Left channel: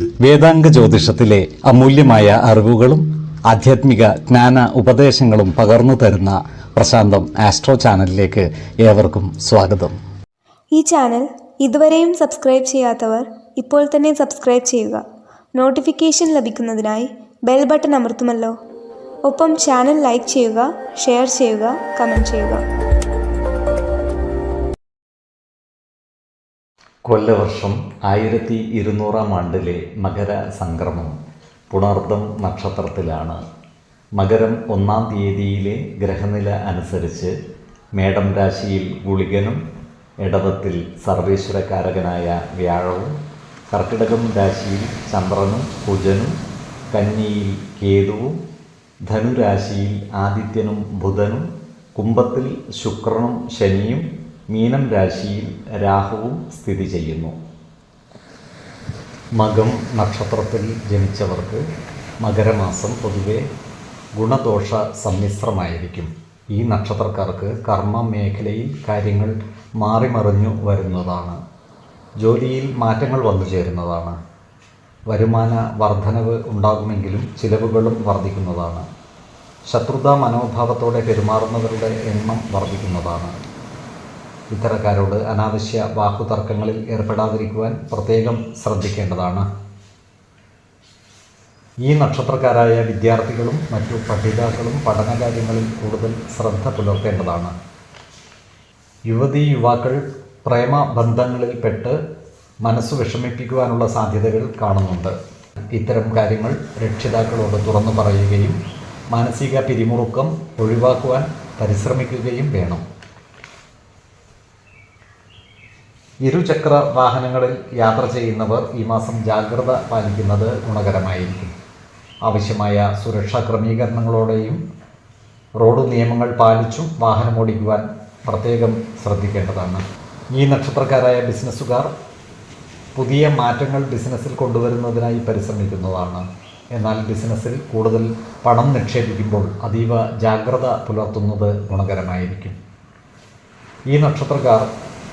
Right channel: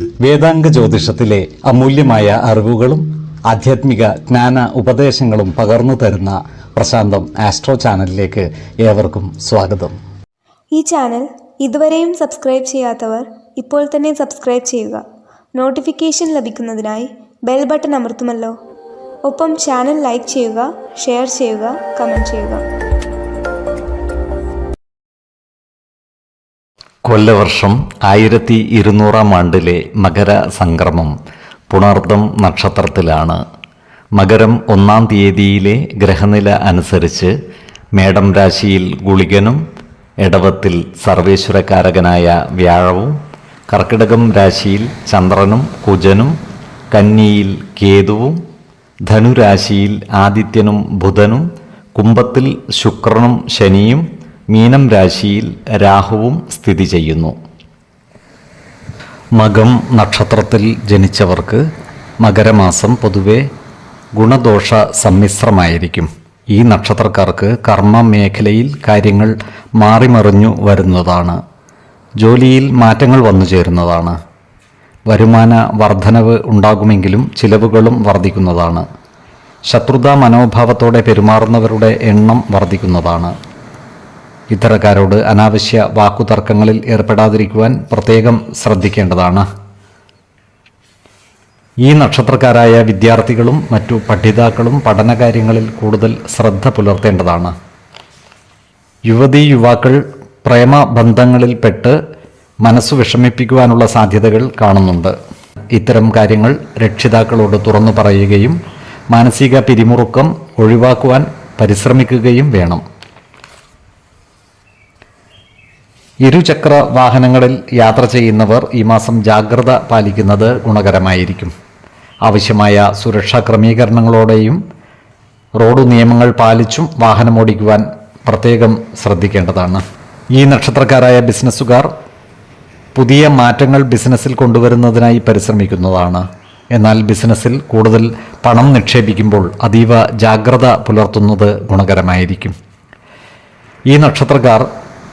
വേദാംഗ ജ്യോതിഷത്തിലെ അമൂല്യമായ അറിവുകളും ആധ്യാത്മിക ജ്ഞാന ഉപദേശങ്ങളും പകർന്നു തരുന്ന പ്രശാന്തം ആസ്ട്രോ ചാനലിലേക്ക് ഏവർക്കും സ്വാഗതം. ഈ ചാനൽ ഇതുവരെയും സബ്സ്ക്രൈബ് ചെയ്യാത്തവർ ഇപ്പോൾ തന്നെ സബ്സ്ക്രൈബ് ചെയ്യുക. നോട്ടിഫിക്കേഷൻ ലഭിക്കുന്നതിനായി ബെൽ ബട്ടൺ അമർത്തുമല്ലോ. ഒപ്പം ചാനൽ ലൈക്ക് ചെയ്യുക, ഷെയർ ചെയ്യുക, കമൻറ്റ് ചെയ്യുക. കൊല്ലവർഷം 1200 ആണ്ടിലെ മകര സംക്രമം പുണർദം നക്ഷത്രത്തിലാണ്. മകരം 1-ാം തീയതിയിലെ ഗ്രഹനില അനുസരിച്ച് മേടം രാശിയിൽ ഗുളികനും, എടവത്തിൽ സർവേശ്വരകാരകനായ വ്യാഴവും, കർക്കിടകം രാശിയിൽ ചന്ദ്രനും കുജനും, കന്നിയിൽ കേതുവും, ധനുരാശിയിൽ ആദിത്യനും ബുധനും, കുംഭത്തിൽ ശുക്രനും ശനിയും, മീനം രാശിയിൽ രാഹുവും സ്ഥിതി ചെയ്യുന്നു. മകം നക്ഷത്രത്തിൽ ജനിച്ചവർക്ക് മകരമാസം പൊതുവെ ഗുണദോഷ സമ്മിശ്രമായിരിക്കും. ഈ നക്ഷത്രക്കാർക്ക് കർമ്മ മേഖലയിൽ കാര്യങ്ങൾ മാറിമറിഞ്ഞു വരുന്നതാണ്. ജോലിയിൽ മാറ്റങ്ങൾ വന്നു ചേരുന്നതാണ്. വരുമാന വർധനവ് ഉണ്ടാകുമെങ്കിലും ചിലവുകളും വർദ്ധിക്കുന്നതാണ്. ശത്രുതാ മനോഭാവത്തോടെ പെരുമാറുന്നവരുടെ എണ്ണം വർദ്ധിക്കുന്നതാണ്. ഇത്തരക്കാരോട് അനാവശ്യ വാക്കുതർക്കങ്ങളിൽ ഏർപ്പെടാതിരിക്കുവാൻ പ്രത്യേകം ശ്രദ്ധിക്കേണ്ടതാണ്. ഈ നക്ഷത്രക്കാരായ വിദ്യാർത്ഥികളും മറ്റു പഠിതാക്കളും പഠനകാര്യങ്ങളിൽ കൂടുതൽ ശ്രദ്ധ പുലർത്തേണ്ടതാണ്. യുവതീ യുവാക്കൾ പ്രേമബന്ധങ്ങളിൽപ്പെട്ട് മനസ്സു വിഷമിപ്പിക്കുവാനുള്ള സാധ്യതകൾ കാണുന്നുണ്ട്. ഇത്തരം കാര്യങ്ങൾ രക്ഷിതാക്കളോട് തുറന്നു പറയുകയും മാനസിക പിരിമുറുക്കം ഒഴിവാക്കുവാൻ പരിശ്രമിക്കുകയും വേണം. ഇരുചക്ര വാഹനങ്ങളിൽ യാത്ര ചെയ്യുന്നവർ ഈ മാസം ജാഗ്രത പാലിക്കുന്നത് ഗുണകരമായിരിക്കും. ആവശ്യമായ സുരക്ഷാ ക്രമീകരണങ്ങളോടെയും റോഡ് നിയമങ്ങൾ പാലിച്ചും വാഹനമോടിക്കുവാൻ പ്രത്യേകം ശ്രദ്ധിക്കേണ്ടതാണ്. ഈ നക്ഷത്രക്കാരായ ബിസിനസ്സുകാർ പുതിയ മാറ്റങ്ങൾ ബിസിനസ്സിൽ കൊണ്ടുവരുന്നതിനായി പരിശ്രമിക്കുന്നതാണ്. എന്നാൽ ബിസിനസ്സിൽ കൂടുതൽ പണം നിക്ഷേപിക്കുമ്പോൾ അതീവ ജാഗ്രത പുലർത്തുന്നത് ഗുണകരമായിരിക്കും. ഈ നക്ഷത്രക്കാർ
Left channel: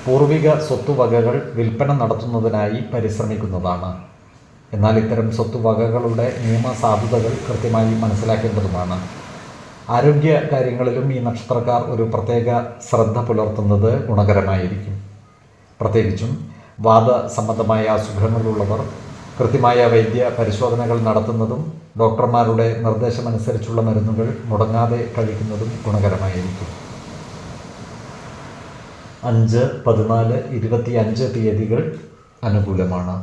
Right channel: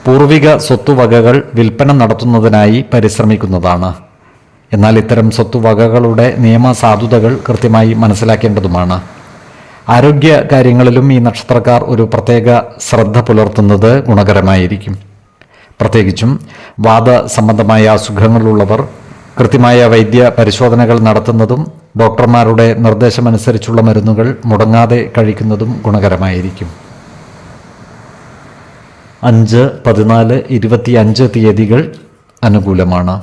പൂർവിക സ്വത്തുവകകൾ വിൽപ്പന നടത്തുന്നതിനായി പരിശ്രമിക്കുന്നതാണ്. എന്നാൽ ഇത്തരം സ്വത്തുവകകളുടെ നിയമസാധുതകൾ കൃത്യമായി മനസ്സിലാക്കേണ്ടതുമാണ്. ആരോഗ്യ കാര്യങ്ങളിലും ഈ നക്ഷത്രക്കാർ ഒരു പ്രത്യേക ശ്രദ്ധ പുലർത്തുന്നത് ഗുണകരമായിരിക്കും. പ്രത്യേകിച്ചും വാദ സംബന്ധമായ അസുഖങ്ങളുള്ളവർ കൃത്യമായ വൈദ്യ പരിശോധനകൾ നടത്തുന്നതും ഡോക്ടർമാരുടെ നിർദ്ദേശമനുസരിച്ചുള്ള മരുന്നുകൾ മുടങ്ങാതെ കഴിക്കുന്നതും ഗുണകരമായിരിക്കും. 5, 14, 25 തീയതികൾ അനുകൂലമാണ്.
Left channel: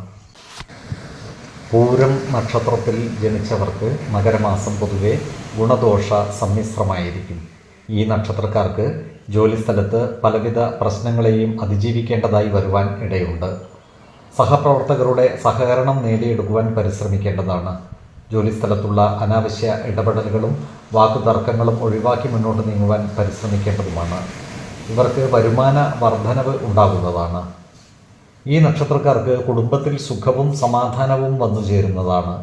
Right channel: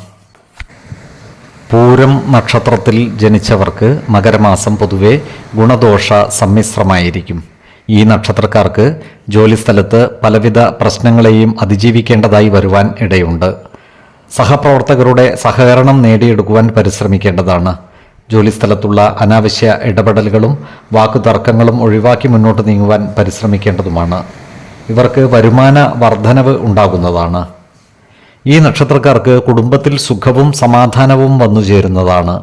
പൂരം നക്ഷത്രത്തിൽ ജനിച്ചവർക്ക് മകരമാസം പൊതുവെ ഗുണദോഷ സമ്മിശ്രമായിരിക്കും. ഈ നക്ഷത്രക്കാർക്ക് ജോലിസ്ഥലത്ത് പലവിധ പ്രശ്നങ്ങളെയും അതിജീവിക്കേണ്ടതായി വരുവാൻ ഇടയുണ്ട്. സഹപ്രവർത്തകരുടെ സഹകരണം നേടിയെടുക്കുവാൻ പരിശ്രമിക്കേണ്ടതാണ്. ജോലിസ്ഥലത്തുള്ള അനാവശ്യ ഇടപെടലുകളും വാക്കുതർക്കങ്ങളും ഒഴിവാക്കി മുന്നോട്ട് നീങ്ങുവാൻ പരിശ്രമിക്കേണ്ടതുമാണ്. ഇവർക്ക് വരുമാന വർധനവ് ഉണ്ടാകുന്നതാണ്. ഈ നക്ഷത്രക്കാർക്ക് കുടുംബത്തിൽ സുഖവും സമാധാനവും വന്നു ചേരുന്നതാണ്.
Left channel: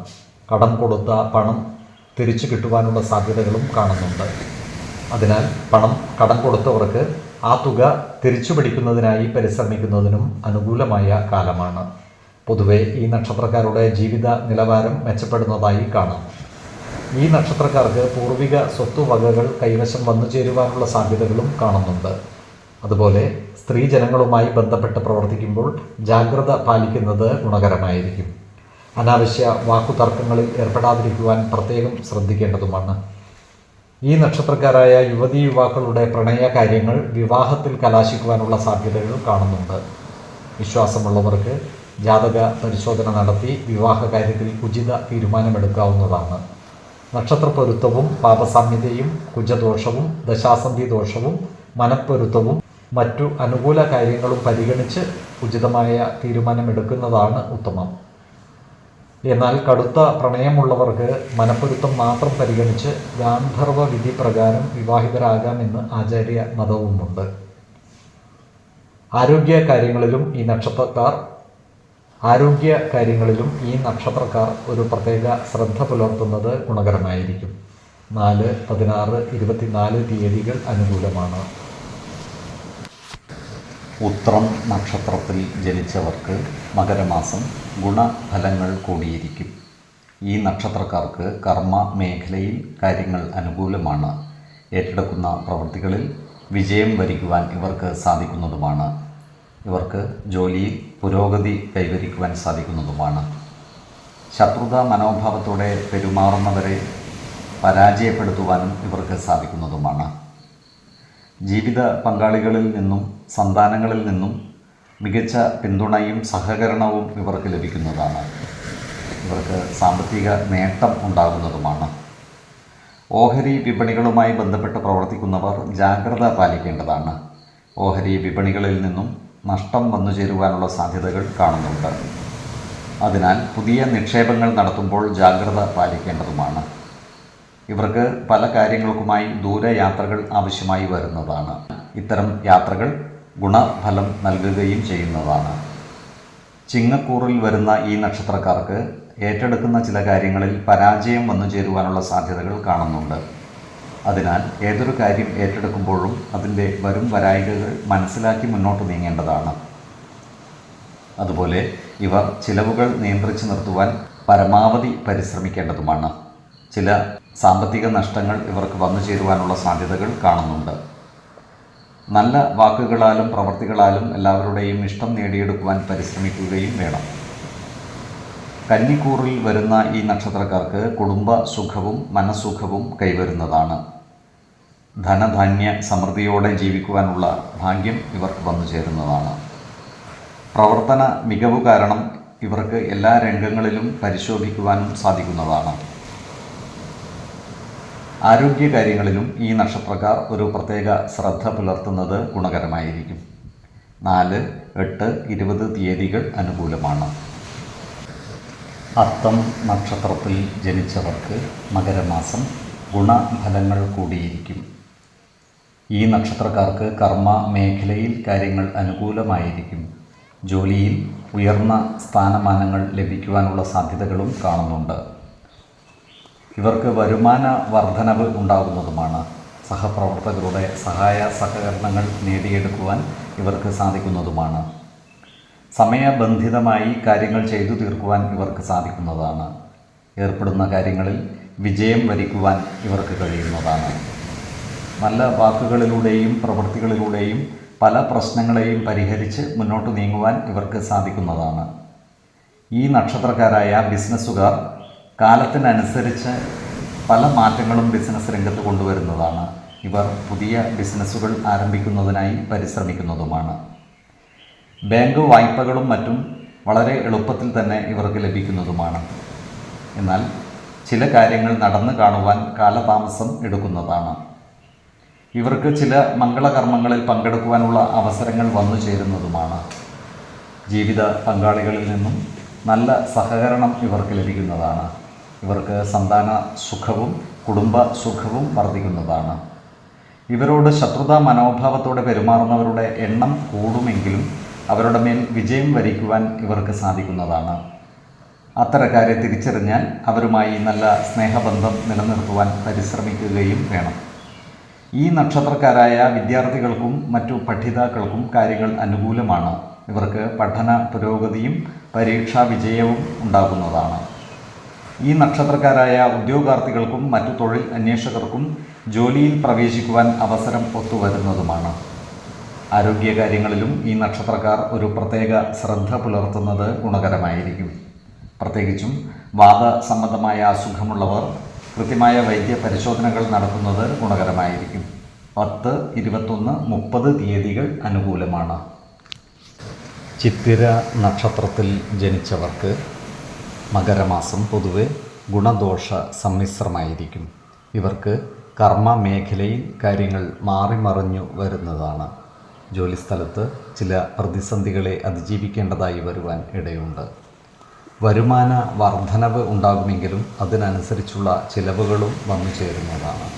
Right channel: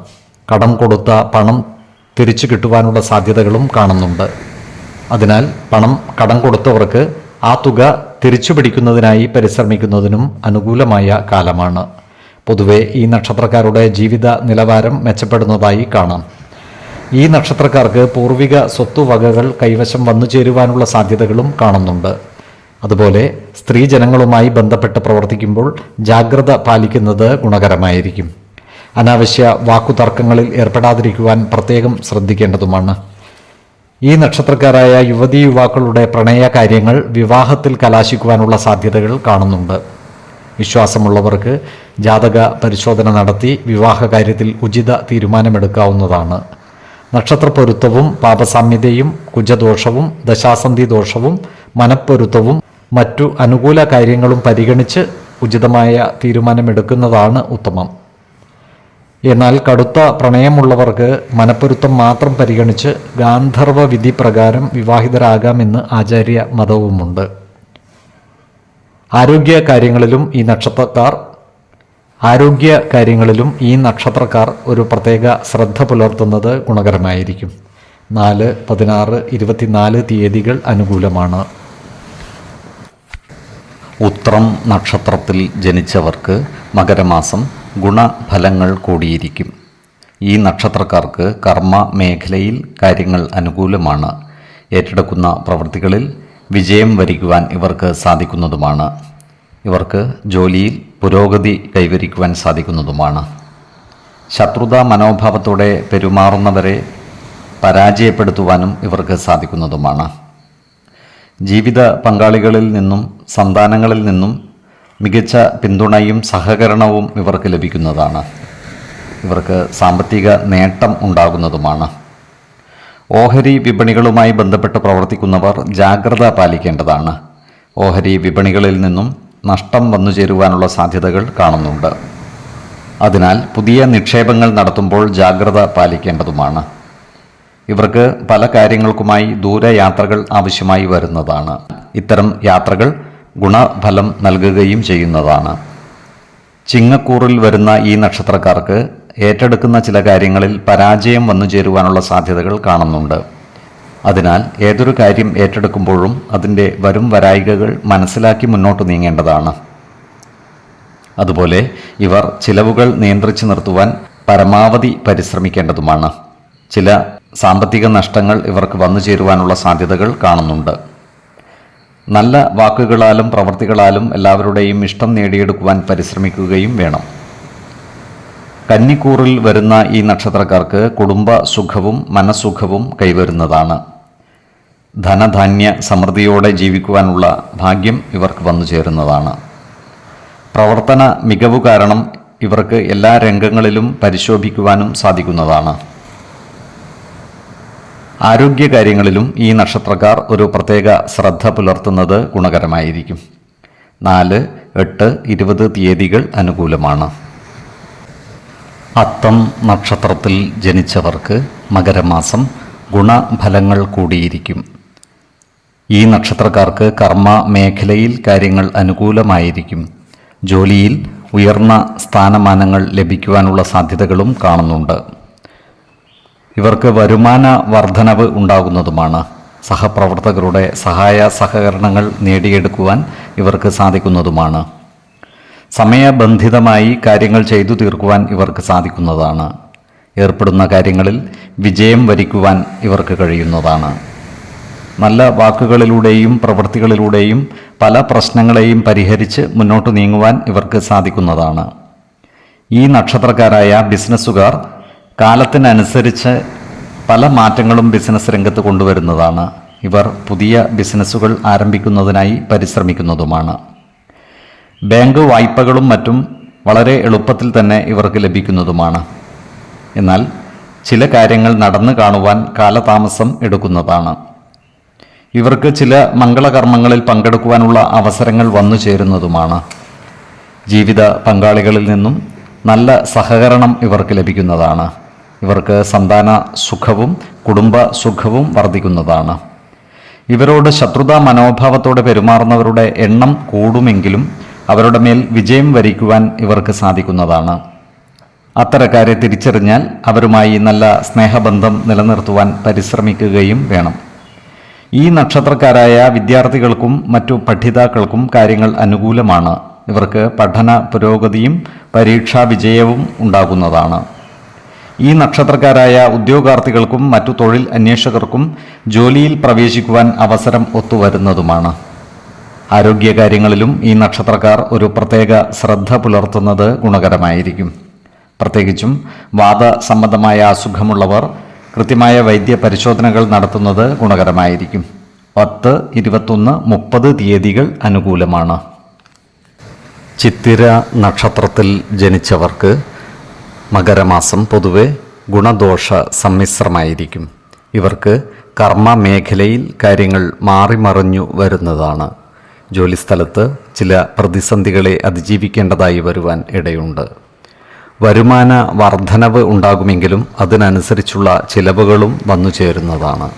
കടം കൊടുത്ത പണം തിരിച്ചു കിട്ടുവാനുള്ള സാധ്യതകളും കാണുന്നുണ്ട്. അതിനാൽ കടം കൊടുത്തവർക്ക് ആ തുക തിരിച്ചു പിടിക്കുന്നതിനായി പരിശ്രമിക്കുന്നതിനും അനുകൂലമായ കാലമാണ്. പൊതുവെ ഈ നക്ഷത്രക്കാരുടെ ജീവിത നിലവാരം മെച്ചപ്പെടുന്നതായി കാണാം. ഈ നക്ഷത്രക്കാർക്ക് പൂർവിക സ്വത്തുവകകൾ കൈവശം വന്നു ചേരുവാനുള്ള സാധ്യതകളും കാണുന്നുണ്ട്. അതുപോലെ സ്ത്രീജനങ്ങളുമായി ബന്ധപ്പെട്ട് പ്രവർത്തിക്കുമ്പോൾ ജാഗ്രത പാലിക്കുന്നത് ഗുണകരമായിരിക്കും. അനാവശ്യ വാക്കുതർക്കങ്ങളിൽ ഏർപ്പെടാതിരിക്കുവാൻ പ്രത്യേകം ശ്രദ്ധിക്കേണ്ടതുമാണ്. ഈ നക്ഷത്രക്കാരായ യുവതീ യുവാക്കളുടെ പ്രണയ കാര്യങ്ങൾ വിവാഹത്തിൽ കലാശിക്കുവാനുള്ള സാധ്യതകൾ കാണുന്നുണ്ട്. വിശ്വാസമുള്ളവർക്ക് ജാതക പരിശോധന നടത്തി വിവാഹ കാര്യത്തിൽ ഉചിത തീരുമാനമെടുക്കാവുന്നതാണ്. നക്ഷത്രപ്പൊരുത്തവും പാപസാമ്യതയും കുജദോഷവും ദശാസന്ധി ദോഷവും മനപ്പൊരുത്തവും മറ്റു അനുകൂല കാര്യങ്ങളും പരിഗണിച്ച് ഉചിതമായ തീരുമാനമെടുക്കുന്നതാണ് ഉത്തമം. എന്നാൽ കടുത്ത പ്രണയമുള്ളവർക്ക് മനപ്പൊരുത്തം മാത്രം പരിഗണിച്ച് ഗാന്ധർവ വിധി പ്രകാരം വിവാഹിതരാകാമെന്ന് ആചാര്യ മതവുമുണ്ട്. ആരോഗ്യ കാര്യങ്ങളിലും ഈ നക്ഷത്രക്കാർ ഒരു പ്രത്യേക ശ്രദ്ധ പുലർത്തുന്നത് ഗുണകരമായിരിക്കും. 4, 16, 24 തീയതികൾ അനുകൂലമാണ്. ഉത്രം നക്ഷത്രത്തിൽ ജനിച്ചവർക്ക് മകരമാസം ഗുണഫലങ്ങൾ കൂടിയിരിക്കും. ഈ നക്ഷത്രക്കാർക്ക് കർമ്മ മേഖലയിൽ കാര്യങ്ങൾ അനുകൂലമാണ്. ഏറ്റെടുക്കുന്ന പ്രവൃത്തികളിൽ വിജയം വരിക്കുവാൻ ഇവർക്ക് സാധിക്കുന്നതുമാണ്. ഇവർക്ക് ജോലിയിൽ പുരോഗതി കൈവരിക്കുവാൻ സാധിക്കുന്നതുമാണ്. ശത്രുതാ മനോഭാവത്തോടെ പെരുമാറുന്നവരെ പരാജയപ്പെടുത്തുവാനും ഇവർക്ക് സാധിക്കുന്നതുമാണ്. ജീവിത പങ്കാളികളിൽ നിന്നും സന്താനങ്ങളിൽ നിന്നും മികച്ച പിന്തുണയും സഹകരണവും ഇവർക്ക് ലഭിക്കുന്നതാണ്. ഇവർക്ക് സാമ്പത്തിക നേട്ടം ഉണ്ടാകുന്നതുമാണ്. ഓഹരി വിപണികളുമായി ബന്ധപ്പെട്ട് പ്രവർത്തിക്കുന്നവർ ജാഗ്രത പാലിക്കേണ്ടതാണ്. ഓഹരി വിപണികളിൽ നിന്നും നഷ്ടം വന്നു ചേരുവാനുള്ള സാധ്യതകൾ കാണുന്നുണ്ട്. അതിനാൽ പുതിയ നിക്ഷേപങ്ങൾ നടത്തുമ്പോൾ ജാഗ്രത പാലിക്കേണ്ടതുമാണ്. ഇവർക്ക് പല കാര്യങ്ങൾക്കുമായി ദൂരയാത്രകൾ ആവശ്യമായി വരുന്നതാണ്. ഇത്തരം യാത്രകൾ ഗുണഫലം നൽകുകയും ചെയ്യുന്നതാണ്. ചിങ്ങക്കൂറിൽ വരുന്ന ഈ നക്ഷത്രക്കാർക്ക് ഏറ്റെടുക്കുന്ന ചില കാര്യങ്ങളിൽ പരാജയം വന്നു ചേരുവാനുള്ള സാധ്യതകൾ കാണുന്നുണ്ട്. അതിനാൽ ഏതൊരു കാര്യം ഏറ്റെടുക്കുമ്പോഴും അതിൻ്റെ വരും വരായികകൾ മനസ്സിലാക്കി മുന്നോട്ട് നീങ്ങേണ്ടതാണ്. അതുപോലെ ഇവർ ചിലവുകൾ നിയന്ത്രിച്ചു നിർത്തുവാൻ പരമാവധി പരിശ്രമിക്കേണ്ടതുമാണ്. ചില സാമ്പത്തിക നഷ്ടങ്ങൾ ഇവർക്ക് വന്നു ചേരുവാനുള്ള സാധ്യതകൾ കാണുന്നുണ്ട്. നല്ല വാക്കുകളാലും പ്രവൃത്തികളാലും എല്ലാവരുടെയും ഇഷ്ടം നേടിയെടുക്കുവാൻ പരിശ്രമിക്കുകയും വേണം. കന്നിക്കൂറിൽ വരുന്ന ഈ നക്ഷത്രക്കാർക്ക് കുടുംബ സുഖവും മനസ്സുഖവും കൈവരുന്നതാണ്. ധനധാന്യ സമൃദ്ധിയോടെ ജീവിക്കുവാനുള്ള ഭാഗ്യം ഇവർക്ക് വന്നു ചേരുന്നതാണ്. പ്രവർത്തന മികവ് കാരണം ഇവർക്ക് എല്ലാ രംഗങ്ങളിലും പരിശോഭിക്കുവാനും സാധിക്കുന്നതാണ്. ആരോഗ്യകാര്യങ്ങളിലും ഈ നക്ഷത്രക്കാർ ഒരു പ്രത്യേക ശ്രദ്ധ പുലർത്തുന്നത് ഗുണകരമായിരിക്കും. 4, 8, 20 തീയതികൾ അനുകൂലമാണ്. അത്തം നക്ഷത്രത്തിൽ ജനിച്ചവർക്ക് മകരമാസം ഗുണഫലങ്ങൾ കൂടിയിരിക്കും. ഈ നക്ഷത്രക്കാർക്ക് കർമ്മ മേഖലയിൽ കാര്യങ്ങൾ അനുകൂലമായിരിക്കും. ജോലിയിൽ ഉയർന്ന സ്ഥാനമാനങ്ങൾ ലഭിക്കുവാനുള്ള സാധ്യതകളും കാണുന്നുണ്ട്. ഇവർക്ക് വരുമാന വർധനവ് ഉണ്ടാകുന്നതുമാണ്. സഹപ്രവർത്തകരുടെ സഹായ സഹകരണങ്ങൾ നേടിയെടുക്കുവാൻ ഇവർക്ക് സാധിക്കുന്നതുമാണ്. സമയബന്ധിതമായി കാര്യങ്ങൾ ചെയ്തു തീർക്കുവാൻ ഇവർക്ക് സാധിക്കുന്നതാണ്. ഏർപ്പെടുന്ന കാര്യങ്ങളിൽ വിജയം വരിക്കുവാൻ ഇവർക്ക് കഴിയുന്നതാണ്. നല്ല വാക്കുകളിലൂടെയും പ്രവൃത്തികളിലൂടെയും പല പ്രശ്നങ്ങളെയും പരിഹരിച്ച് മുന്നോട്ട് നീങ്ങുവാൻ ഇവർക്ക് സാധിക്കുന്നതാണ്. ഈ നക്ഷത്രക്കാരായ ബിസിനസ്സുകാർ കാലത്തിനനുസരിച്ച് പല മാറ്റങ്ങളും ബിസിനസ് രംഗത്ത് കൊണ്ടുവരുന്നതാണ്. ഇവർ പുതിയ ബിസിനസ്സുകൾ ആരംഭിക്കുന്നതിനായി പരിശ്രമിക്കുന്നതുമാണ്. ബാങ്ക് വായ്പകളും മറ്റും വളരെ എളുപ്പത്തിൽ തന്നെ ഇവർക്ക് ലഭിക്കുന്നതുമാണ്. എന്നാൽ ചില കാര്യങ്ങൾ നടന്നു കാണുവാൻ കാലതാമസം എടുക്കുന്നതാണ്. ഇവർക്ക് ചില മംഗളകർമ്മങ്ങളിൽ പങ്കെടുക്കുവാനുള്ള അവസരങ്ങൾ വന്നു ചേരുന്നതുമാണ്. ജീവിത പങ്കാളികളിൽ നിന്നും നല്ല സഹകരണം ഇവർക്ക് ലഭിക്കുന്നതാണ്. ഇവർക്ക് സന്താന സുഖവും കുടുംബ സുഖവും വർദ്ധിക്കുന്നതാണ്. ഇവരോട് ശത്രുതാ മനോഭാവത്തോടെ പെരുമാറുന്നവരുടെ എണ്ണം കൂടുമെങ്കിലും അവരുടെ മേൽ വിജയം വരിക്കുവാൻ ഇവർക്ക് സാധിക്കുന്നതാണ്. അത്തരക്കാരെ തിരിച്ചറിഞ്ഞാൽ അവരുമായി നല്ല സ്നേഹബന്ധം നിലനിർത്തുവാൻ പരിശ്രമിക്കുകയും വേണം. ഈ നക്ഷത്രക്കാരായ വിദ്യാർത്ഥികൾക്കും മറ്റു പഠിതാക്കൾക്കും കാര്യങ്ങൾ അനുകൂലമാണ്. ഇവർക്ക് പഠന പുരോഗതിയും പരീക്ഷാ വിജയവും ഉണ്ടാകുന്നതാണ്. ഈ നക്ഷത്രക്കാരായ ഉദ്യോഗാർത്ഥികൾക്കും മറ്റു തൊഴിൽ അന്വേഷകർക്കും ജോലിയിൽ പ്രവേശിക്കുവാൻ അവസരം ഒത്തുവരുന്നതുമാണ്. ആരോഗ്യകാര്യങ്ങളിലും ഈ നക്ഷത്രക്കാർ ഒരു പ്രത്യേക ശ്രദ്ധ പുലർത്തുന്നത് ഗുണകരമായിരിക്കും. പ്രത്യേകിച്ചും വാദസംബന്ധമായ അസുഖമുള്ളവർ കൃത്യമായ വൈദ്യ പരിശോധനകൾ നടത്തുന്നത് ഗുണകരമായിരിക്കും. 10, 21, 30 തീയതികൾ അനുകൂലമാണ്. ചിത്തിര നക്ഷത്രത്തിൽ ജനിച്ചവർക്ക് മകരമാസം പൊതുവെ ഗുണദോഷ സമ്മിശ്രമായിരിക്കും. ഇവർക്ക് കർമ്മ മേഖലയിൽ കാര്യങ്ങൾ മാറിമറിഞ്ഞു വരുന്നതാണ്. ജോലിസ്ഥലത്ത് ചില പ്രതിസന്ധികളെ അതിജീവിക്കേണ്ടതായി വരുവാൻ ഇടയുണ്ട്. വരുമാന വർധനവ് ഉണ്ടാകുമെങ്കിലും അതിനനുസരിച്ചുള്ള ചിലവുകളും വന്നു ചേരുന്നതാണ്.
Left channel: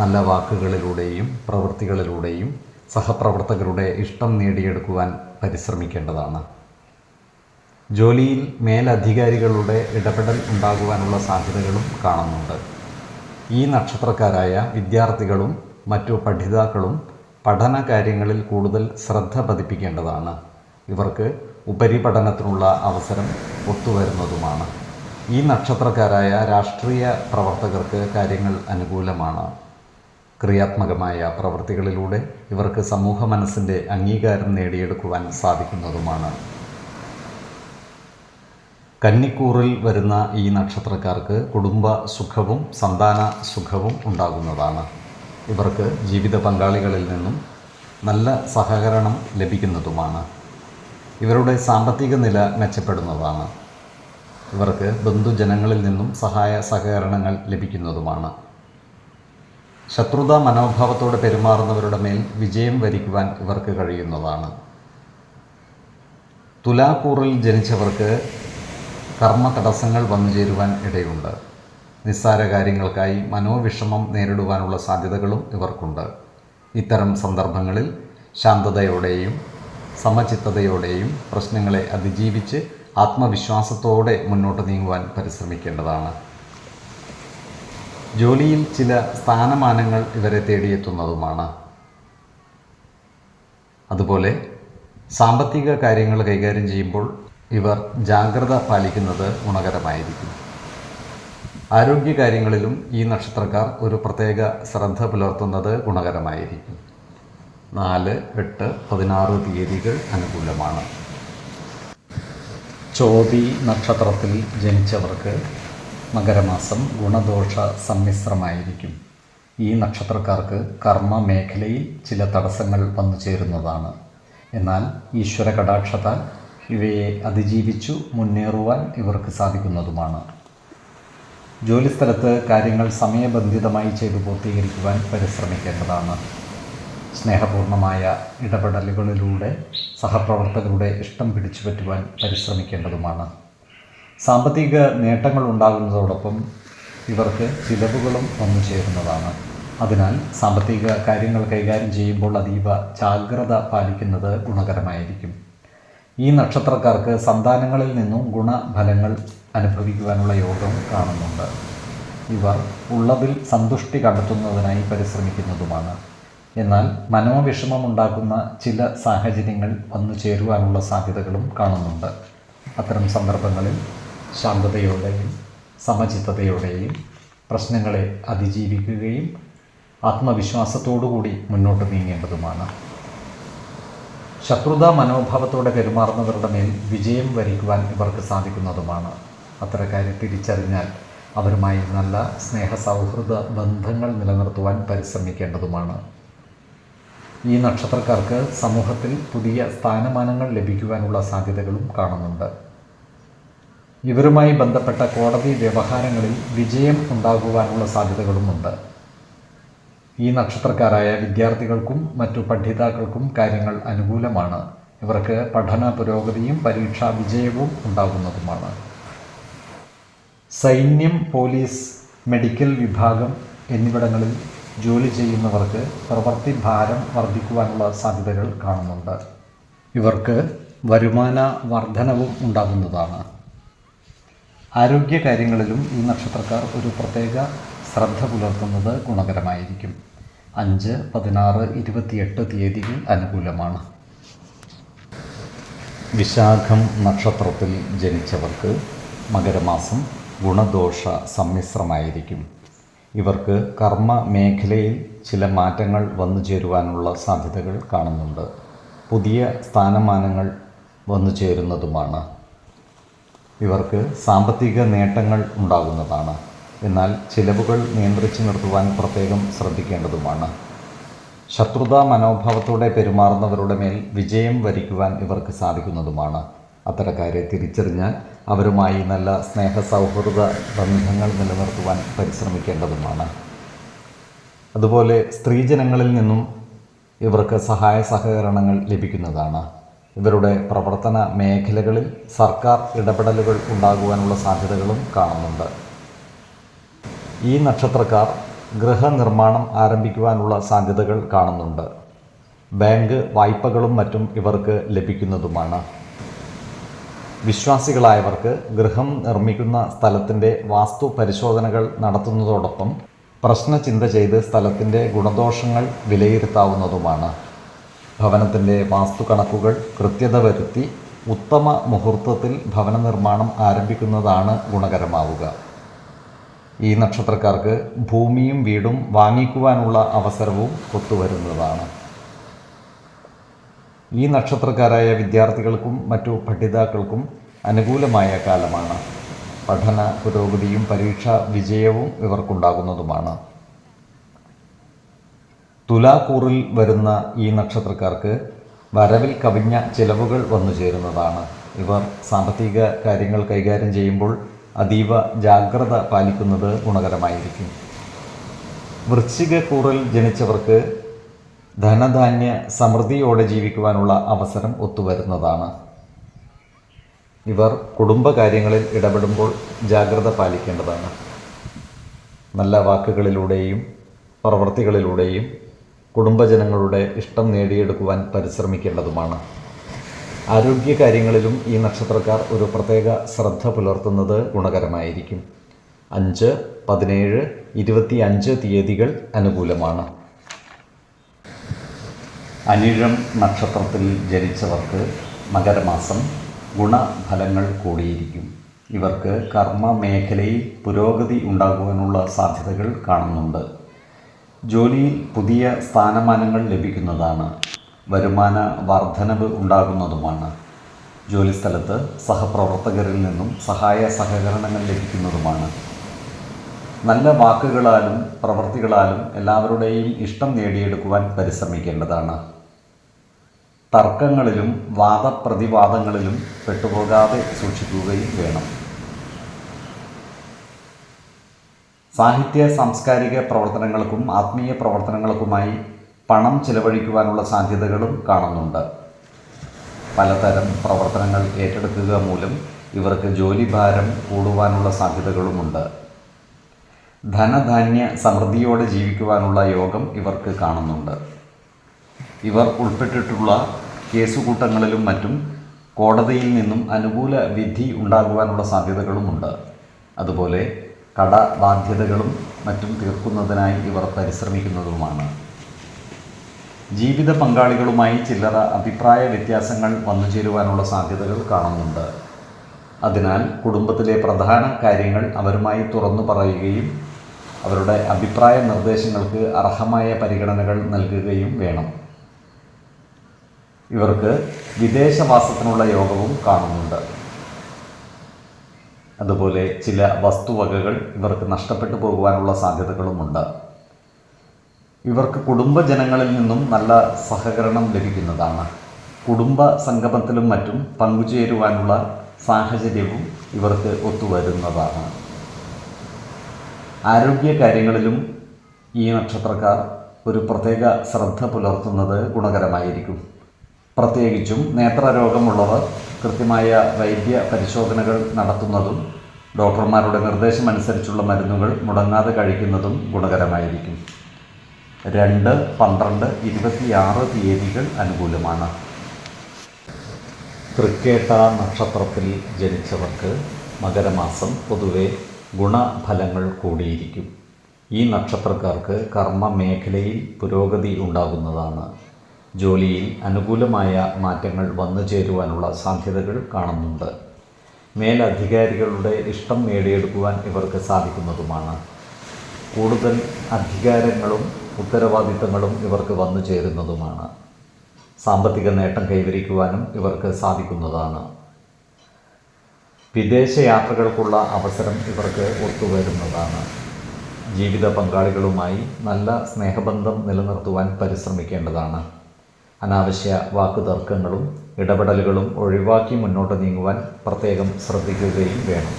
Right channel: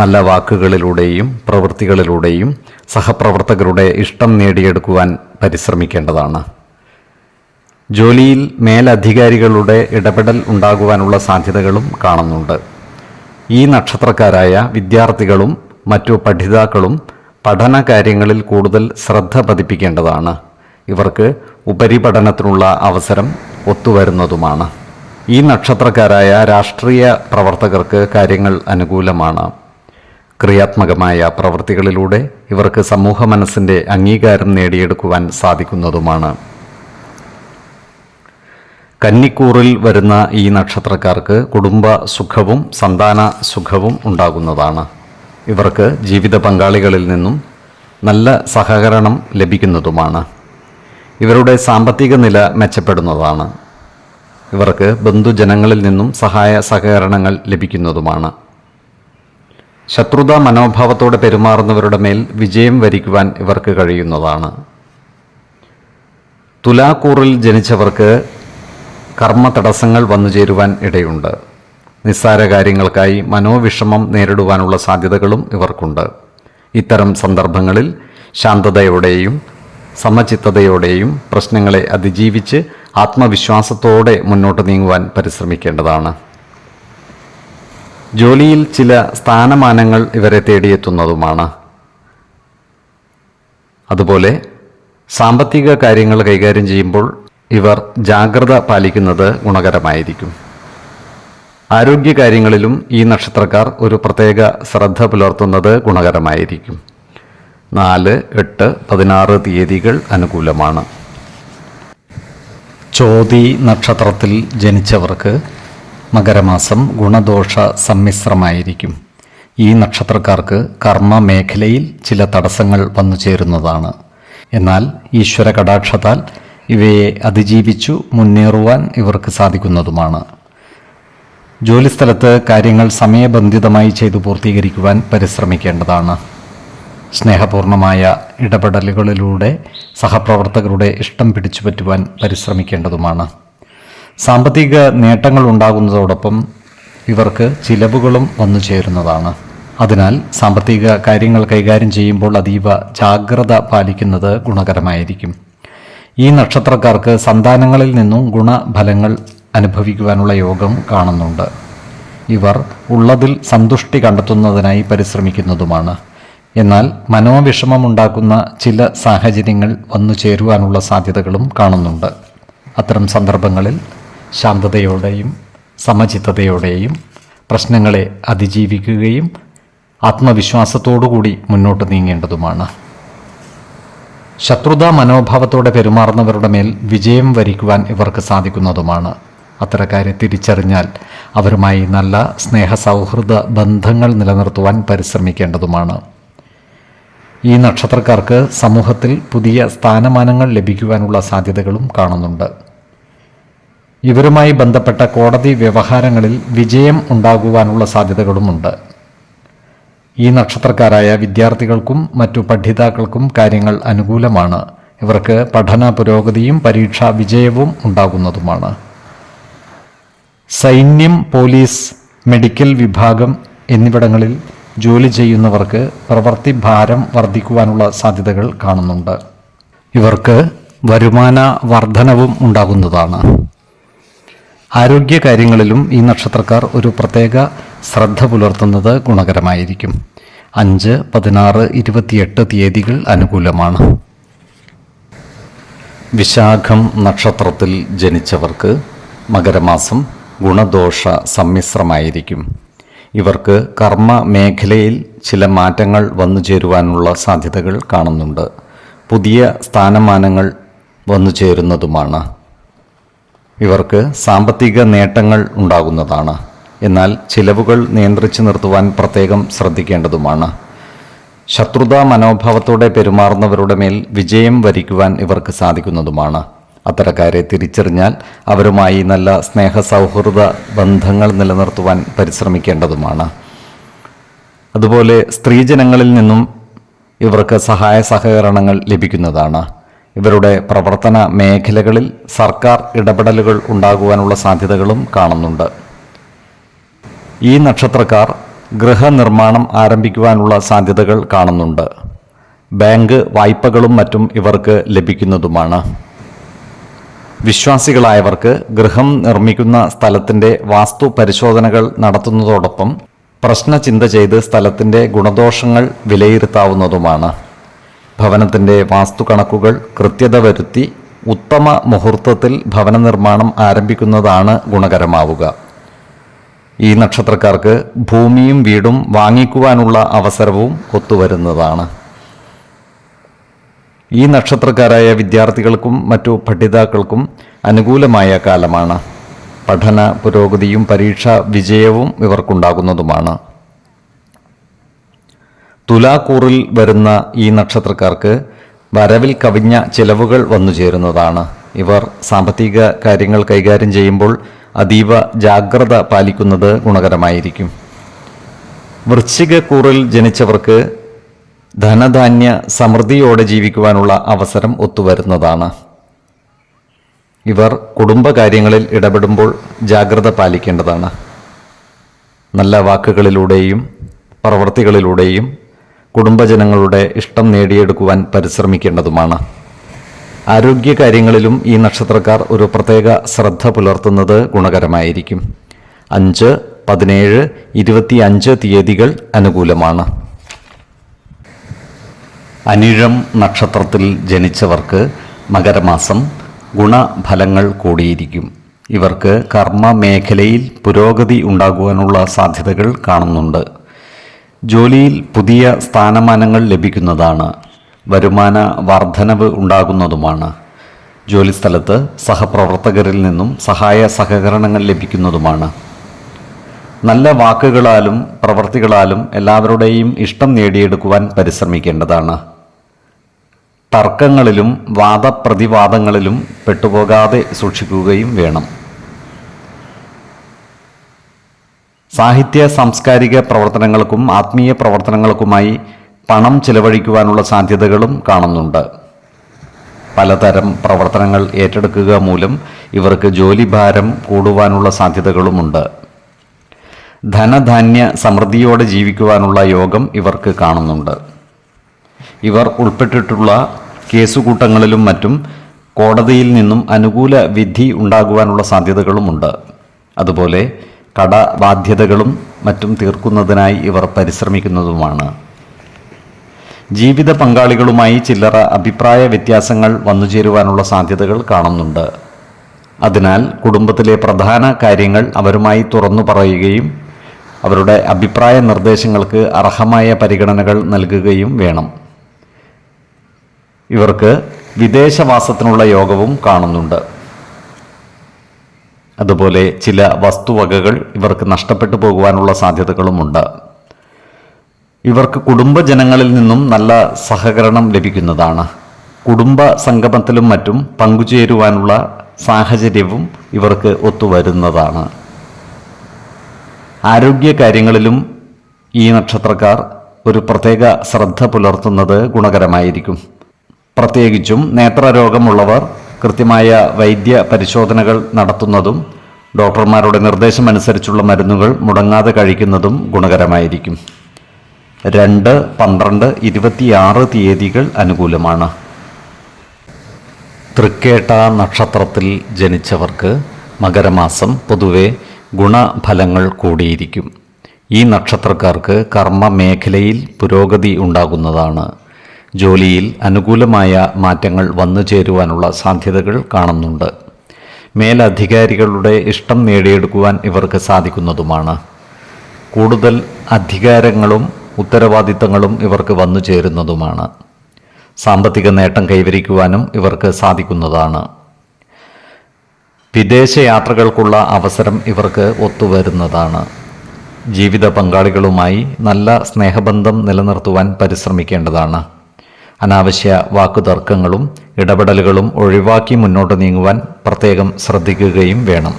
നല്ല വാക്കുകളിലൂടെയും പ്രവൃത്തികളിലൂടെയും സഹപ്രവർത്തകരുടെ ഇഷ്ടം നേടിയെടുക്കുവാൻ പരിശ്രമിക്കേണ്ടതാണ്. ജോലിയിൽ മേലധികാരികളുടെ ഇടപെടൽ ഉണ്ടാകുവാനുള്ള സാധ്യതകളും കാണുന്നുണ്ട്. ഈ നക്ഷത്രക്കാരായ വിദ്യാർത്ഥികളും മറ്റു പഠിതാക്കളും പഠന കാര്യങ്ങളിൽ കൂടുതൽ ശ്രദ്ധ പതിപ്പിക്കേണ്ടതാണ്. ഇവർക്ക് ഉപരിപഠനത്തിനുള്ള അവസരം ഒത്തുവരുന്നതുമാണ്. ഈ നക്ഷത്രക്കാരായ രാഷ്ട്രീയ പ്രവർത്തകർക്ക് കാര്യങ്ങൾ അനുകൂലമാണ്. ക്രിയാത്മകമായ പ്രവൃത്തികളിലൂടെ ഇവർക്ക് സമൂഹ മനസ്സിൻ്റെ അംഗീകാരം നേടിയെടുക്കുവാൻ സാധിക്കുന്നതുമാണ്. കന്നിക്കൂറിൽ വരുന്ന ഈ നക്ഷത്രക്കാർക്ക് കുടുംബ സുഖവും സന്താന സുഖവും ഉണ്ടാകുന്നതാണ്. ഇവർക്ക് ജീവിത പങ്കാളികളിൽ നിന്നും നല്ല സഹകരണം ലഭിക്കുന്നതുമാണ്. ഇവരുടെ സാമ്പത്തിക നില മെച്ചപ്പെടുന്നതാണ്. ഇവർക്ക് ബന്ധുജനങ്ങളിൽ നിന്നും സഹായ സഹകരണങ്ങൾ ലഭിക്കുന്നതുമാണ്. ശത്രുതാ മനോഭാവത്തോടെ പെരുമാറുന്നവരുടെ മേൽ വിജയം വരിക്കുവാൻ ഇവർക്ക് കഴിയുന്നതാണ്. തുലാക്കൂറിൽ ജനിച്ചവർക്ക് കർമ്മ തടസ്സങ്ങൾ വന്നുചേരുവാൻ ഇടയുണ്ട്. നിസ്സാര കാര്യങ്ങൾക്കായി മനോവിഷമം നേരിടുവാനുള്ള സാധ്യതകളും ഇവർക്കുണ്ട്. ഇത്തരം സന്ദർഭങ്ങളിൽ ശാന്തതയോടെയും സമചിത്തതയോടെയും പ്രശ്നങ്ങളെ അതിജീവിച്ച് ആത്മവിശ്വാസത്തോടെ മുന്നോട്ട് നീങ്ങുവാൻ പരിശ്രമിക്കേണ്ടതാണ്. ജോലിയിൽ ചില സ്ഥാനമാനങ്ങൾ ഇവരെ തേടിയെത്തുന്നതുമാണ്. അതുപോലെ സാമ്പത്തിക കാര്യങ്ങൾ കൈകാര്യം ചെയ്യുമ്പോൾ ഇവർ ജാഗ്രത പാലിക്കുന്നത് ഗുണകരമായിരിക്കും. ആരോഗ്യകാര്യങ്ങളിലും ഈ നക്ഷത്രക്കാർ ഒരു പ്രത്യേക ശ്രദ്ധ പുലർത്തുന്നത് ഗുണകരമായിരിക്കും. 4, 8, 16 തീയതികൾ അനുകൂലമാണ്. ചോതി നക്ഷത്രത്തിൽ ജനിച്ചവർക്ക് മകരമാസം ഗുണദോഷ സമ്മിശ്രമായിരിക്കും. ഈ നക്ഷത്രക്കാർക്ക് കർമ്മ മേഖലയിൽ ചില തടസ്സങ്ങൾ വന്നു ചേരുന്നതാണ്. എന്നാൽ ഈശ്വര കടാക്ഷത്താൽ ഇവയെ അതിജീവിച്ചു മുന്നേറുവാൻ ഇവർക്ക് സാധിക്കുന്നതുമാണ്. ജോലിസ്ഥലത്ത് കാര്യങ്ങൾ സമയബന്ധിതമായി ചെയ്തു പൂർത്തീകരിക്കുവാൻ പരിശ്രമിക്കേണ്ടതാണ്. സ്നേഹപൂർണമായ ഇടപെടലുകളിലൂടെ സഹപ്രവർത്തകരുടെ ഇഷ്ടം പിടിച്ചുപറ്റുവാൻ പരിശ്രമിക്കേണ്ടതുമാണ്. സാമ്പത്തിക നേട്ടങ്ങൾ ഉണ്ടാകുന്നതോടൊപ്പം ഇവർക്ക് ചിലവുകളും വന്നു ചേരുന്നതാണ്. അതിനാൽ സാമ്പത്തിക കാര്യങ്ങൾ കൈകാര്യം ചെയ്യുമ്പോൾ അതീവ ജാഗ്രത പാലിക്കുന്നത് ഗുണകരമായിരിക്കും. ഈ നക്ഷത്രക്കാർക്ക് സന്താനങ്ങളിൽ നിന്നും ഗുണഫലങ്ങൾ അനുഭവിക്കുവാനുള്ള യോഗം കാണുന്നുണ്ട്. ഇവർ ഉള്ളതിൽ സന്തുഷ്ടി കണ്ടെത്തുന്നതിനായി പരിശ്രമിക്കുന്നതുമാണ്. എന്നാൽ മനോവിഷമമുണ്ടാക്കുന്ന ചില സാഹചര്യങ്ങൾ വന്നു ചേരുവാനുള്ള സാധ്യതകളും കാണുന്നുണ്ട്. അത്തരം സന്ദർഭങ്ങളിൽ ശാന്തതയോടെയും സമചിത്തതയോടെയും പ്രശ്നങ്ങളെ അതിജീവിക്കുകയും ആത്മവിശ്വാസത്തോടുകൂടി മുന്നോട്ട് നീങ്ങേണ്ടതുമാണ്. ശത്രുതാ മനോഭാവത്തോടെ പെരുമാറുന്നവരുടെ മേൽ വിജയം വരിക്കുവാൻ ഇവർക്ക് സാധിക്കുന്നതുമാണ്. അത്തരക്കാരെ തിരിച്ചറിഞ്ഞാൽ അവരുമായി നല്ല സ്നേഹസൗഹൃദ ബന്ധങ്ങൾ നിലനിർത്തുവാൻ പരിശ്രമിക്കേണ്ടതുമാണ്. ഈ നക്ഷത്രക്കാർക്ക് സമൂഹത്തിൽ പുതിയ സ്ഥാനമാനങ്ങൾ ലഭിക്കുവാനുള്ള സാധ്യതകളും കാണുന്നുണ്ട്. ഇവരുമായി ബന്ധപ്പെട്ട കോടതി വ്യവഹാരങ്ങളിൽ വിജയം ഉണ്ടാകുവാനുള്ള സാധ്യതകളുമുണ്ട്. ഈ നക്ഷത്രക്കാരായ വിദ്യാർത്ഥികൾക്കും മറ്റു പഠിതാക്കൾക്കും കാര്യങ്ങൾ അനുകൂലമാണ്. ഇവർക്ക് പഠന പുരോഗതിയും പരീക്ഷാ വിജയവും ഉണ്ടാകുന്നതുമാണ്. സൈന്യം, പോലീസ്, മെഡിക്കൽ വിഭാഗം എന്നിവിടങ്ങളിൽ ജോലി ചെയ്യുന്നവർക്ക് പ്രവൃത്തി ഭാരം വർദ്ധിക്കുവാനുള്ള സാധ്യതകൾ കാണുന്നുണ്ട്. ഇവർക്ക് വരുമാന വർധനവും ഉണ്ടാകുന്നതാണ്. ആരോഗ്യകാര്യങ്ങളിലും ഈ നക്ഷത്രക്കാർ ഒരു പ്രത്യേക ശ്രദ്ധ പുലർത്തുന്നത് ഗുണകരമായിരിക്കും. 5, 16, 28 തീയതികൾ അനുകൂലമാണ്. വിശാഖം നക്ഷത്രത്തിൽ ജനിച്ചവർക്ക് മകരമാസം ഗുണദോഷ സമ്മിശ്രമായിരിക്കും. ഇവർക്ക് കർമ്മ മേഖലയിൽ ചില മാറ്റങ്ങൾ വന്നു ചേരുവാനുള്ള സാധ്യതകൾ കാണുന്നുണ്ട്. പുതിയ സ്ഥാനമാനങ്ങൾ വന്നു ചേരുന്നതുമാണ്. ഇവർക്ക് സാമ്പത്തിക നേട്ടങ്ങൾ ഉണ്ടാകുന്നതാണ്. എന്നാൽ ചിലവുകൾ നിയന്ത്രിച്ചു നിർത്തുവാൻ പ്രത്യേകം ശ്രദ്ധിക്കേണ്ടതുമാണ്. ശത്രുതാ മനോഭാവത്തോടെ പെരുമാറുന്നവരുടെ മേൽ വിജയം വരിക്കുവാൻ ഇവർക്ക് സാധിക്കുന്നതുമാണ്. അത്തരക്കാരെ തിരിച്ചറിഞ്ഞാൽ അവരുമായി നല്ല സ്നേഹസൗഹൃദ ബന്ധങ്ങൾ നിലനിർത്തുവാൻ പരിശ്രമിക്കേണ്ടതുമാണ്. അതുപോലെ സ്ത്രീജനങ്ങളിൽ നിന്നും ഇവർക്ക് സഹായ സഹകരണങ്ങൾ ലഭിക്കുന്നതാണ്. ഇവരുടെ പ്രവർത്തന മേഖലകളിൽ സർക്കാർ ഇടപെടലുകൾ ഉണ്ടാകുവാനുള്ള സാധ്യതകളും കാണുന്നുണ്ട്. ഈ നക്ഷത്രക്കാർ ഗൃഹനിർമ്മാണം ആരംഭിക്കുവാനുള്ള സാധ്യതകൾ കാണുന്നുണ്ട്. ബാങ്ക് വായ്പകളും മറ്റും ഇവർക്ക് ലഭിക്കുന്നതുമാണ്. വിശ്വാസികളായവർക്ക് ഗൃഹം നിർമ്മിക്കുന്ന സ്ഥലത്തിൻ്റെ വാസ്തു പരിശോധനകൾ നടത്തുന്നതോടൊപ്പം പ്രശ്നചിന്ത ചെയ്ത് സ്ഥലത്തിൻ്റെ ഗുണദോഷങ്ങൾ വിലയിരുത്താവുന്നതുമാണ്. ഭവനത്തിൻ്റെ വാസ്തു കണക്കുകൾ കൃത്യത വരുത്തി ഉത്തമ മുഹൂർത്തത്തിൽ ഭവന നിർമ്മാണം ആരംഭിക്കുന്നതാണ് ഗുണകരമാവുക. ഈ നക്ഷത്രക്കാർക്ക് ഭൂമിയും വീടും വാങ്ങിക്കുവാനുള്ള അവസരവും ഒത്തുവരുന്നതാണ്. ഈ നക്ഷത്രക്കാരായ വിദ്യാർത്ഥികൾക്കും മറ്റു പഠിതാക്കൾക്കും അനുകൂലമായ കാലമാണ്. പഠന പുരോഗതിയും പരീക്ഷാ വിജയവും ഇവർക്കുണ്ടാകുന്നതുമാണ്. തുലാക്കൂറിൽ വരുന്ന ഈ നക്ഷത്രക്കാർക്ക് വരവിൽ കവിഞ്ഞ ചിലവുകൾ വന്നു ചേരുന്നതാണ്. ഇവർ സാമ്പത്തിക കാര്യങ്ങൾ കൈകാര്യം ചെയ്യുമ്പോൾ അതീവ ജാഗ്രത പാലിക്കുന്നത് ഗുണകരമായിരിക്കും. വൃശ്ചികക്കൂറിൽ ജനിച്ചവർക്ക് ധനധാന്യ സമൃദ്ധിയോടെ ജീവിക്കുവാനുള്ള അവസരം ഒത്തുവരുന്നതാണ്. ഇവർ കുടുംബകാര്യങ്ങളിൽ ഇടപെടുമ്പോൾ ജാഗ്രത പാലിക്കേണ്ടതാണ്. നല്ല വാക്കുകളിലൂടെയും പ്രവൃത്തികളിലൂടെയും കുടുംബജനങ്ങളുടെ ഇഷ്ടം നേടിയെടുക്കുവാൻ പരിശ്രമിക്കേണ്ടതുമാണ്. ആരോഗ്യകാര്യങ്ങളിലും ഈ നക്ഷത്രക്കാർ ഒരു പ്രത്യേക ശ്രദ്ധ പുലർത്തുന്നത് ഗുണകരമായിരിക്കും. 5, 17, 25 തീയതികൾ അനുകൂലമാണ്. അനിഴം നക്ഷത്രത്തിൽ ജനിച്ചവർക്ക് മകരമാസം ഗുണഫലങ്ങൾ കൂടിയിരിക്കും. ഇവർക്ക് കർമ്മ മേഖലയിൽ പുരോഗതി ഉണ്ടാകുവാനുള്ള സാധ്യതകൾ കാണുന്നുണ്ട്. ജോലിയിൽ പുതിയ സ്ഥാനമാനങ്ങൾ ലഭിക്കുന്നതാണ്. വരുമാന വർധനവ് ഉണ്ടാകുന്നതുമാണ്. ജോലിസ്ഥലത്ത് സഹപ്രവർത്തകരിൽ നിന്നും സഹായ സഹകരണങ്ങൾ ലഭിക്കുന്നതുമാണ്. നല്ല വാക്കുകളാലും പ്രവൃത്തികളാലും എല്ലാവരുടെയും ഇഷ്ടം നേടിയെടുക്കുവാൻ പരിശ്രമിക്കേണ്ടതാണ്. തർക്കങ്ങളിലും വാദപ്രതിവാദങ്ങളിലും പെട്ടുപോകാതെ സൂക്ഷിക്കുകയും വേണം. സാഹിത്യ സാംസ്കാരിക പ്രവർത്തനങ്ങൾക്കും ആത്മീയ പ്രവർത്തനങ്ങൾക്കുമായി പണം ചിലവഴിക്കുവാനുള്ള സാധ്യതകളും കാണുന്നുണ്ട്. പലതരം പ്രവർത്തനങ്ങൾ ഏറ്റെടുക്കുക മൂലം ഇവർക്ക് ജോലിഭാരം കൂടുവാനുള്ള സാധ്യതകളുമുണ്ട്. ധനധാന്യ സമൃദ്ധിയോടെ ജീവിക്കുവാനുള്ള യോഗം ഇവർക്ക് കാണുന്നുണ്ട്. ഇവർ ഉൾപ്പെട്ടിട്ടുള്ള കേസുകൂട്ടങ്ങളിലും മറ്റും കോടതിയിൽ നിന്നും അനുകൂല വിധി ഉണ്ടാകുവാനുള്ള സാധ്യതകളുമുണ്ട്. അതുപോലെ കടബാധ്യതകളും മറ്റും തീർക്കുന്നതിനായി ഇവർ പരിശ്രമിക്കുന്നതുമാണ്. ജീവിത പങ്കാളികളുമായി ചില്ലറ അഭിപ്രായ വ്യത്യാസങ്ങൾ വന്നുചേരുവാനുള്ള സാധ്യതകൾ കാണുന്നുണ്ട്. അതിനാൽ കുടുംബത്തിലെ പ്രധാന കാര്യങ്ങൾ അവരുമായി തുറന്നു പറയുകയും അവരുടെ അഭിപ്രായ നിർദ്ദേശങ്ങൾക്ക് അർഹമായ പരിഗണനകൾ നൽകുകയും വേണം. ഇവർക്ക് വിദേശവാസത്തിനുള്ള യോഗവും കാണുന്നുണ്ട്. അതുപോലെ ചില വസ്തുവകകൾ ഇവർക്ക് നഷ്ടപ്പെട്ടു പോകുവാനുള്ള സാധ്യതകളുമുണ്ട്. ഇവർക്ക് കുടുംബജനങ്ങളിൽ നിന്നും നല്ല സഹകരണം ലഭിക്കുന്നതാണ്. കുടുംബ സംഗമത്തിലും മറ്റും പങ്കുചേരുവാനുള്ള സാഹചര്യവും ഇവർക്ക് ഒത്തുവരുന്നതാണ്. ആരോഗ്യകാര്യങ്ങളിലും ഈ നക്ഷത്രക്കാർ ഒരു പ്രത്യേക ശ്രദ്ധ പുലർത്തുന്നത് ഗുണകരമായിരിക്കും. പ്രത്യേകിച്ചും നേത്രരോഗമുള്ളവർ കൃത്യമായ വൈദ്യ പരിശോധനകൾ നടത്തുന്നതും ഡോക്ടർമാരുടെ നിർദ്ദേശമനുസരിച്ചുള്ള മരുന്നുകൾ മുടങ്ങാതെ കഴിക്കുന്നതും ഗുണകരമായിരിക്കും. 2, 12, 26 തീയതികൾ അനുകൂലമാണ്. തൃക്കേട്ട നക്ഷത്രത്തിൽ ജനിച്ചവർക്ക് മകരമാസം പൊതുവെ ഗുണഫലങ്ങൾ കൂടിയിരിക്കും. ഈ നക്ഷത്രക്കാർക്ക് കർമ്മ മേഖലയിൽ പുരോഗതി ഉണ്ടാകുന്നതാണ്. ജോലിയിൽ അനുകൂലമായ മാറ്റങ്ങൾ വന്നു ചേരുവാനുള്ള സാധ്യതകൾ കാണുന്നുണ്ട്. മേലധികാരികളുടെ ഇഷ്ടം നേടിയെടുക്കുവാൻ ഇവർക്ക് സാധിക്കുന്നതുമാണ്. കൂടുതൽ അധികാരങ്ങളും ഉത്തരവാദിത്തങ്ങളും ഇവർക്ക് വന്നു ചേരുന്നതുമാണ്. സാമ്പത്തിക നേട്ടം കൈവരിക്കുവാനും ഇവർക്ക് സാധിക്കുന്നതാണ്. വിദേശയാത്രകൾക്കുള്ള അവസരം ഇവർക്ക് ഒത്തുവരുന്നതാണ്. ജീവിത പങ്കാളികളുമായി നല്ല സ്നേഹബന്ധം നിലനിർത്തുവാൻ പരിശ്രമിക്കേണ്ടതാണ്. അനാവശ്യ വാക്കുതർക്കങ്ങളും ഇടപെടലുകളും ഒഴിവാക്കി മുന്നോട്ട് നീങ്ങുവാൻ പ്രത്യേകം ശ്രദ്ധിക്കുകയും വേണം.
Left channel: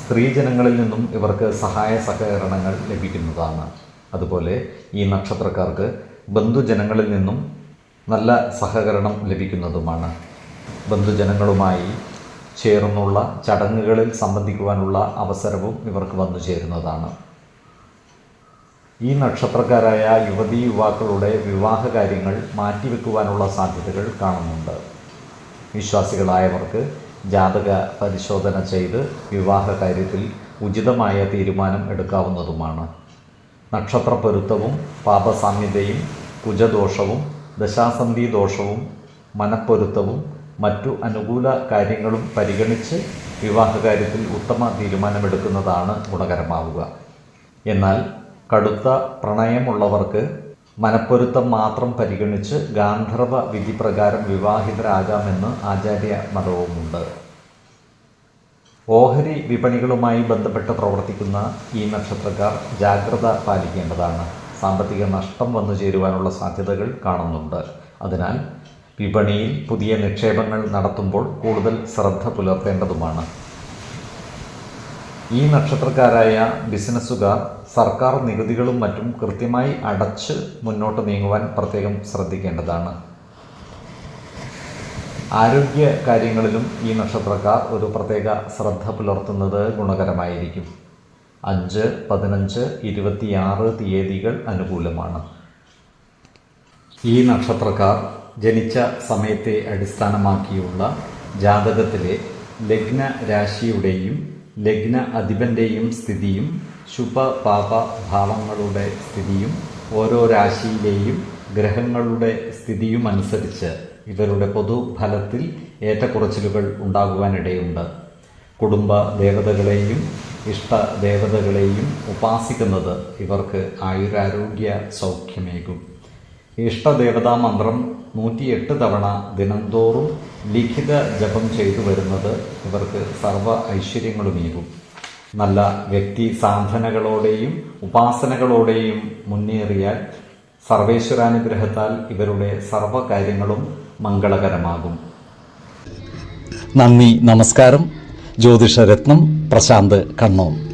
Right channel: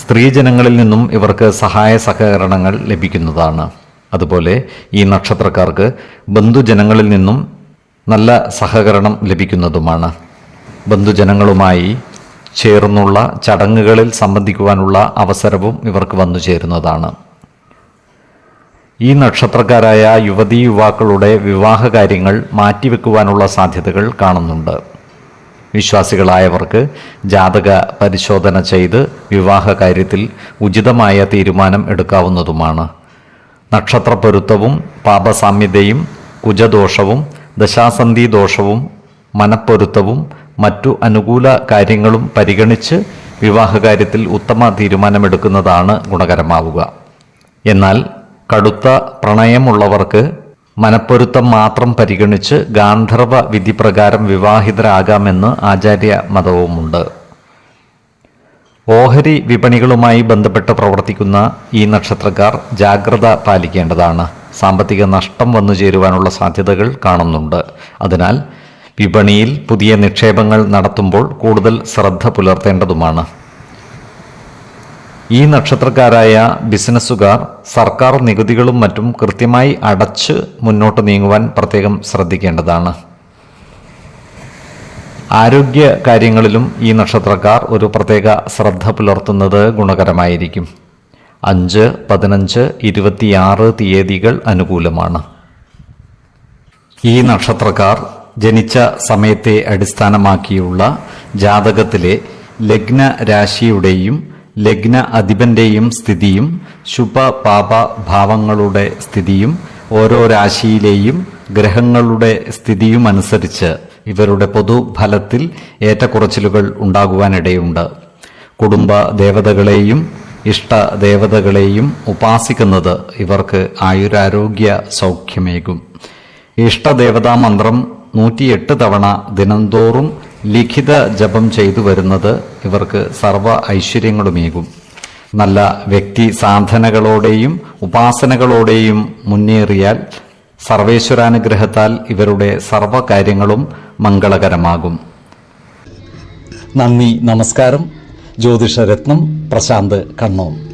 സ്ത്രീജനങ്ങളിൽ നിന്നും ഇവർക്ക് സഹായ സഹകരണങ്ങൾ ലഭിക്കുന്നതാണ്. അതുപോലെ ഈ നക്ഷത്രക്കാർക്ക് ബന്ധുജനങ്ങളിൽ നിന്നും നല്ല സഹകരണം ലഭിക്കുന്നതുമാണ്. ബന്ധുജനങ്ങളുമായി ചേർന്നുള്ള ചടങ്ങുകളിൽ സംബന്ധിക്കുവാനുള്ള അവസരവും ഇവർക്ക് വന്നു ചേരുന്നതാണ്. ഈ നക്ഷത്രക്കാരായ യുവതീ യുവാക്കളുടെ വിവാഹ കാര്യങ്ങൾ മാറ്റിവെക്കുവാനുള്ള സാധ്യതകൾ കാണുന്നുണ്ട്. വിശ്വാസികളായവർക്ക് ജാതക പരിശോധന ചെയ്ത് വിവാഹ കാര്യത്തിൽ ഉചിതമായ തീരുമാനം എടുക്കാവുന്നതുമാണ്. നക്ഷത്രപ്പൊരുത്തവും പാപസാമ്യതയും കുജദോഷവും ദശാസന്ധി ദോഷവും മനപ്പൊരുത്തവും മറ്റു അനുകൂല കാര്യങ്ങളും പരിഗണിച്ച് വിവാഹകാര്യത്തിൽ ഉത്തമ തീരുമാനമെടുക്കുന്നതാണ് ഗുണകരമാവുക. എന്നാൽ കടുത്ത പ്രണയമുള്ളവർക്ക് മനപ്പൊരുത്തം മാത്രം പരിഗണിച്ച് ഗാന്ധർവ വിധിപ്രകാരം വിവാഹിതരാകാമെന്ന് ആചാര്യ മതവുമുണ്ട്. ഓഹരി വിപണികളുമായി ബന്ധപ്പെട്ട് പ്രവർത്തിക്കുന്ന ഈ നക്ഷത്രക്കാർ ജാഗ്രത പാലിക്കേണ്ടതാണ്. സാമ്പത്തിക നഷ്ടം വന്നു ചേരുവാനുള്ള സാധ്യതകൾ കാണുന്നുണ്ട്. അതിനാൽ വിപണിയിൽ പുതിയ നിക്ഷേപങ്ങൾ നടത്തുമ്പോൾ കൂടുതൽ ശ്രദ്ധ പുലർത്തേണ്ടതുമാണ്. ഈ നക്ഷത്രക്കാരായ ബിസിനസ്സുകാർ സർക്കാർ നികുതികളും മറ്റും കൃത്യമായി അടച്ച് മുന്നോട്ട് നീങ്ങുവാൻ പ്രത്യേകം ശ്രദ്ധിക്കേണ്ടതാണ്. ആരോഗ്യ കാര്യങ്ങളിലും ഈ നക്ഷത്രക്കാർ ഒരു പ്രത്യേക ശ്രദ്ധ പുലർത്തുന്നത് ഗുണകരമായിരിക്കും. 5, 15, 26 തീയതികൾ അനുകൂലമാണ്. ഈ നക്ഷത്രക്കാർ ജനിച്ച സമയത്തെ അടിസ്ഥാനമാക്കിയുള്ള ജാതകത്തിലെ ലഗ്ന രാശിയുടെയും ലഗ്ന അധിപന്റെയും സ്ഥിതിയും ശുഭ പാപ ഭാവങ്ങളുടെ സ്ഥിതിയും ഓരോ രാശിയിലെയും ഗ്രഹങ്ങളുടെ സ്ഥിതിയും അനുസരിച്ച് ഇവരുടെ പൊതുഫലത്തിൽ ഏറ്റക്കുറച്ചിലുകൾ ഉണ്ടാകുവാനിടയുണ്ട്. കുടുംബ ദേവതകളെയും ഇഷ്ടദേവതകളെയും ഉപാസിക്കുന്നത് ഇവർക്ക് ആയുരാരോഗ്യ സൗഖ്യമേകും. ഇഷ്ടദേവതാ മന്ത്രം 108 തവണ ദിനംതോറും ലിഖിത ജപം ചെയ്തു വരുന്നത് ഇവർക്ക് സർവ ഐശ്വര്യങ്ങളുമേകും. നല്ല വ്യക്തി സാധനകളോടെയും ഉപാസനകളോടെയും മുന്നേറിയാൽ സർവേശ്വരാനുഗ്രഹത്താൽ ഇവരുടെ സർവകാര്യങ്ങളും മംഗളകരമാകും. നന്ദി, നമസ്കാരം. ജ്യോതിഷരത്നം പ്രശാന്ത് കണ്ണോം.